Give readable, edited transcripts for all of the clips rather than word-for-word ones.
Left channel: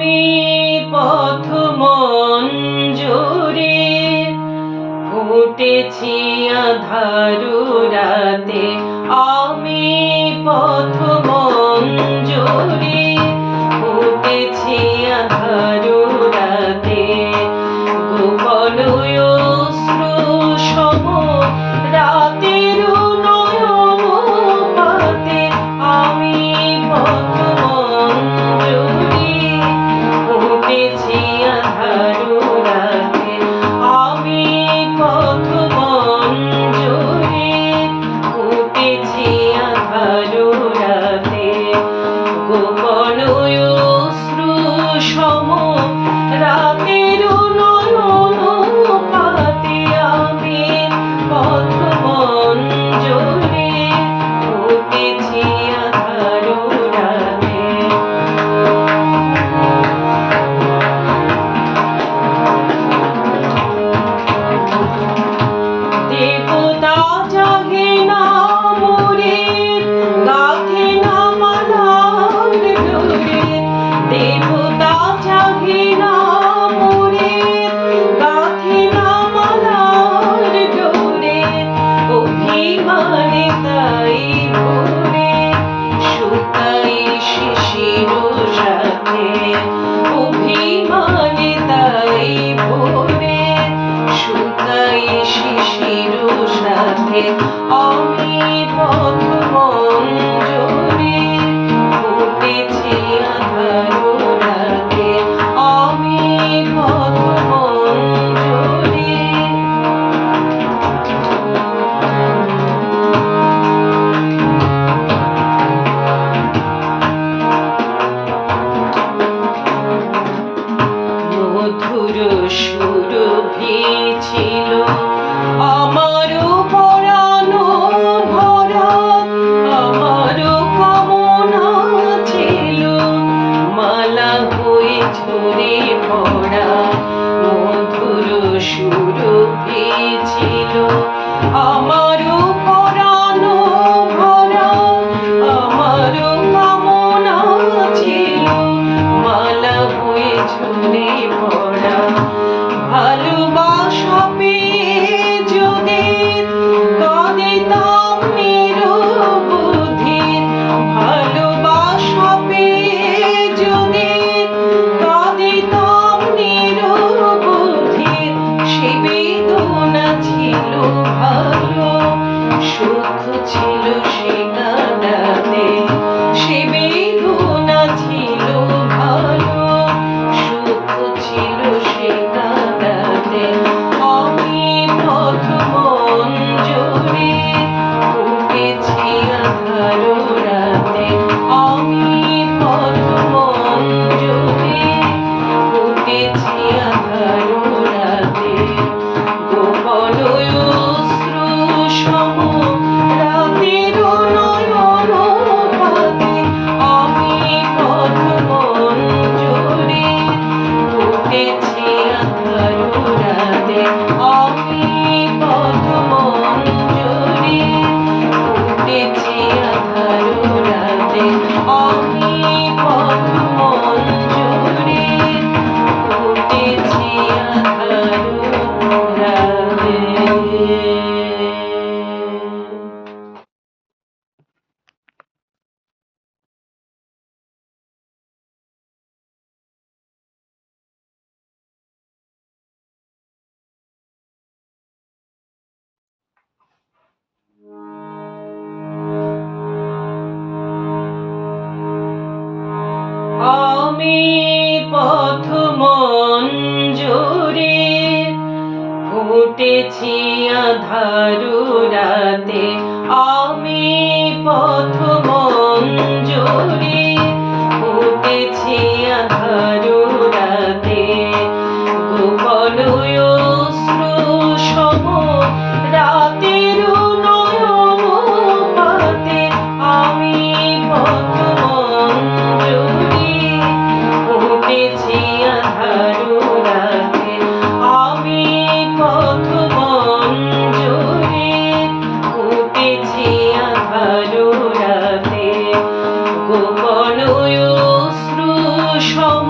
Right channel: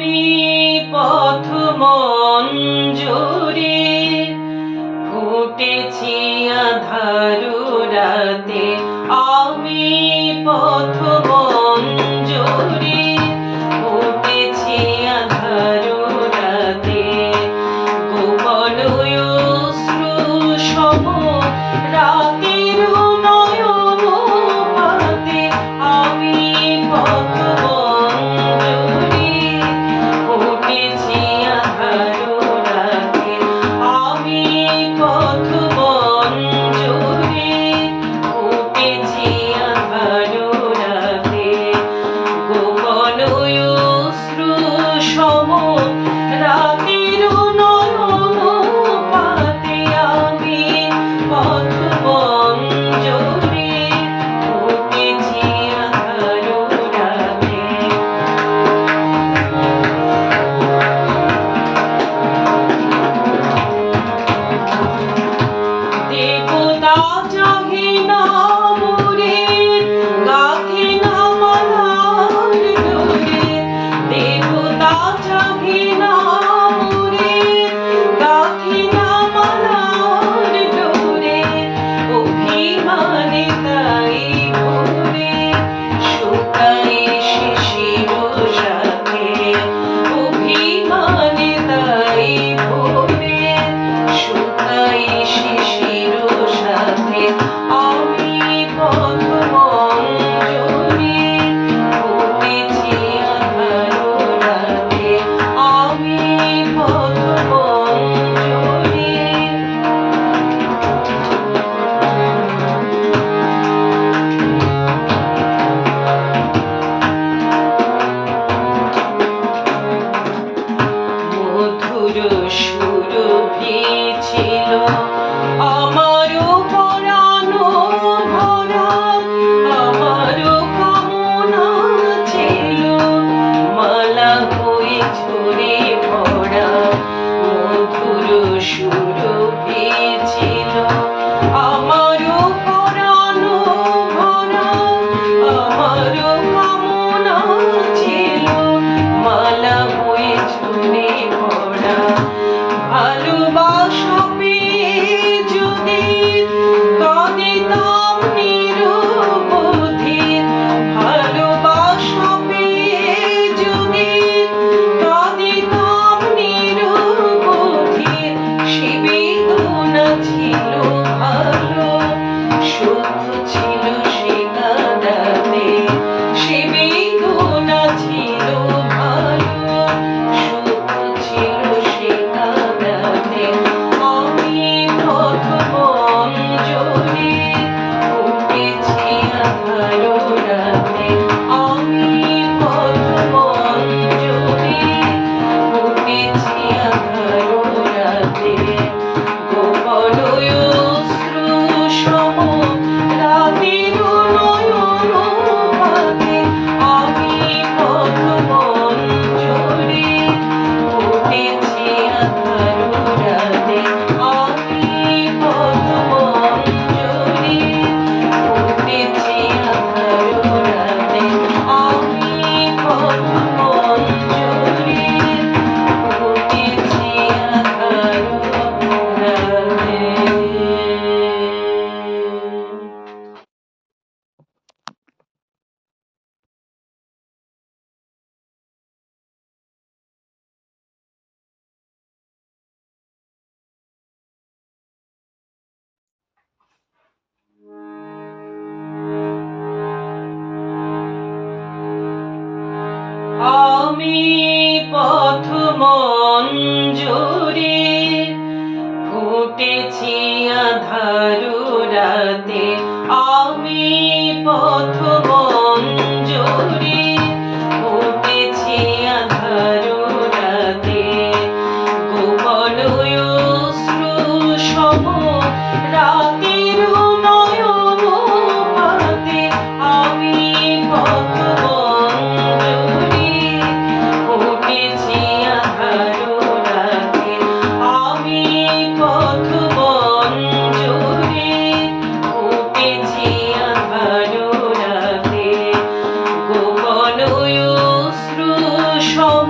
আমি পথ মঞ্জুরি ফুটেছি আঁধারু রাতে, আমি পথ মঞ্জুরি ফুটেছি আঁধারু রাতে, গোপন অশ্রু সম রাতের নয়ন পাতে, আমি পথ মঞ্জুরি ফুটেছি আঁধারু রাতে, আমি পথ মঞ্জুরি ফুটেছি আঁধারু রাতে, গোপন অশ্রু সম রাতের নয়ন পাতে, আমি পথ মঞ্জুরি ফুটেছি আঁধারু রাতে। দেবতা জাগে না মোরে, গাথে না মালার ডোরে, দেবতা জাগে না মোরে, গাথে না মালার ডোরে, অভিমানে তাই ভোরে শুকাই শিশির সাথে, অভিমানে তাই ভোরে শুকাই শিশির সাথে, আমি পথ মঞ্জুরি ফুটেছি আঁধারু রাতে, আমি পথ মঞ্জুরি। মধুর সুরভি ছিল আমার পরাণ ভরা, আমার কামনা ছিল মালা হয়ে ঝরে পড়া, মধুর সুরভি ছিল আমার পরাণ ভরা, আমার কামনা ছিল মালা হয়ে ঝরে পড়া, ভালোবাসা পেয়ে যদি কাঁদিতাম নিরবধি, ভালোবাসা পেয়ে যদি কাঁদিতাম নিরবধি, সে বেদনা ছিল ভালো, সুখ ছিল সে কাঁদাতে, সে বেদনা ছিল ভালো, সুখ ছিল সে কাঁদাতে, আমি পথ মঞ্জুরি ফুটেছি আঁধারু রাতে, আমি পথ মঞ্জুরি ফুটেছি আঁধারু রাতে, গোপন অশ্রু সম রাতের নয়ন পাতে, আমি পথ মঞ্জুরি ফুটেছি আঁধারু রাতে, আমি পথ মঞ্জুরি ফুটেছি আঁধারু রাতে, আমি পথ মঞ্জুরি ফুটেছি আঁধারু রাতে। আমি পথ মঞ্জুরি ফুটেছি আঁধারু রাতে, আমি পথ মঞ্জুরি ফুটেছি আঁধারু রাতে, গোপন অশ্রু সম রাতের নয়ন পাতে, আমি পথ মঞ্জুরি ফুটেছি আঁধারু রাতে, আমি পথ মঞ্জুরি ফুটেছি আঁধারু রাতে, গোপন অশ্রু সম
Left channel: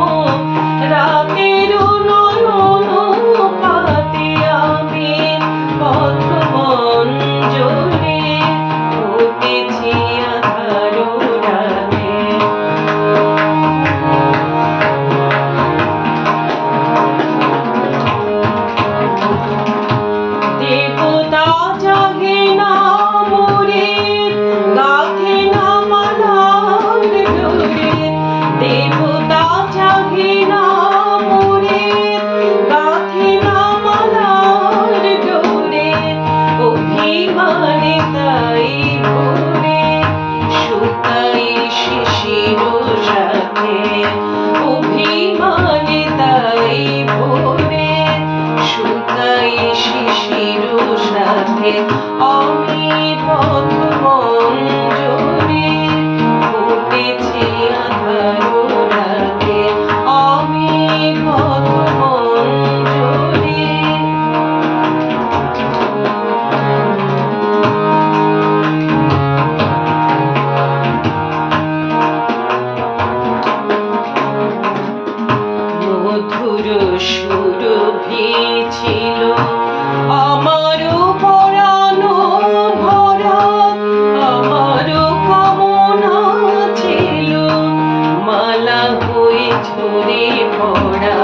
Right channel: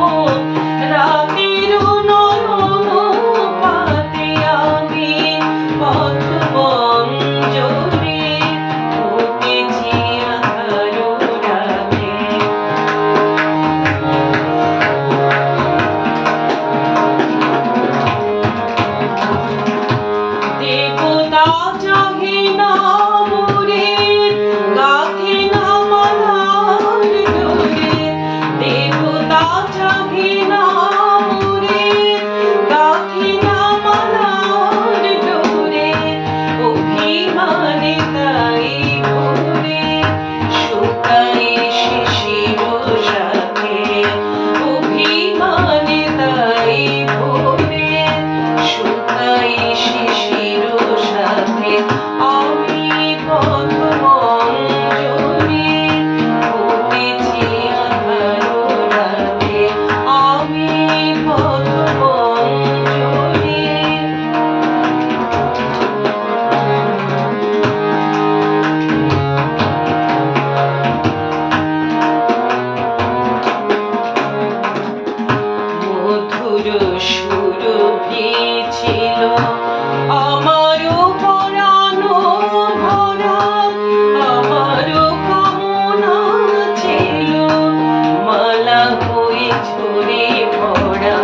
ঝরে পড়া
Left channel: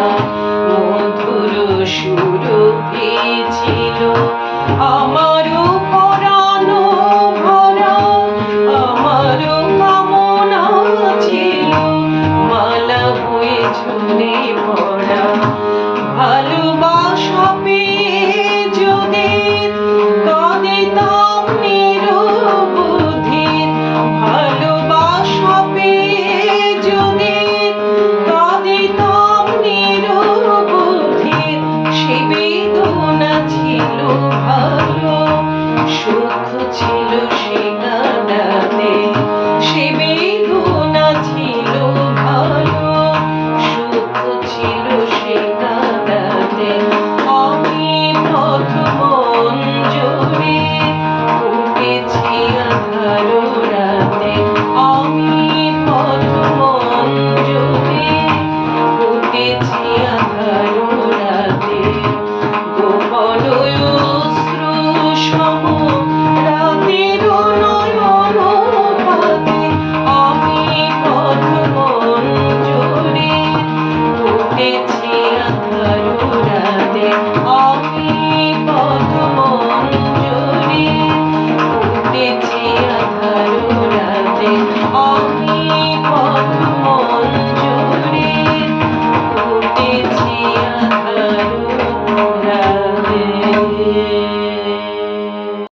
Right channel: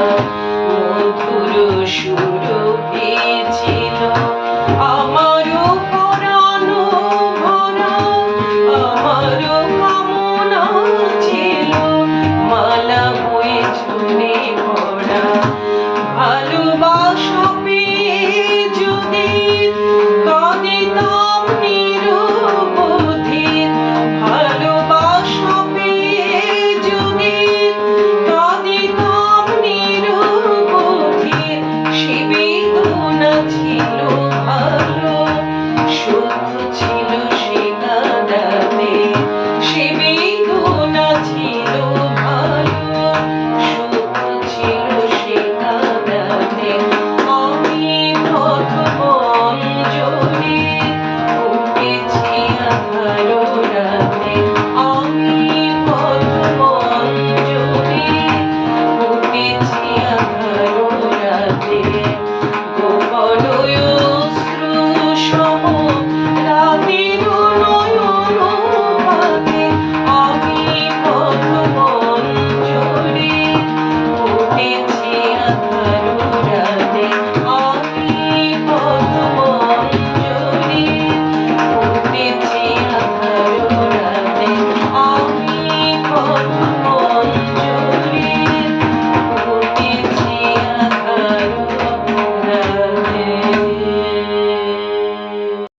মধুর সুরভি ছিল।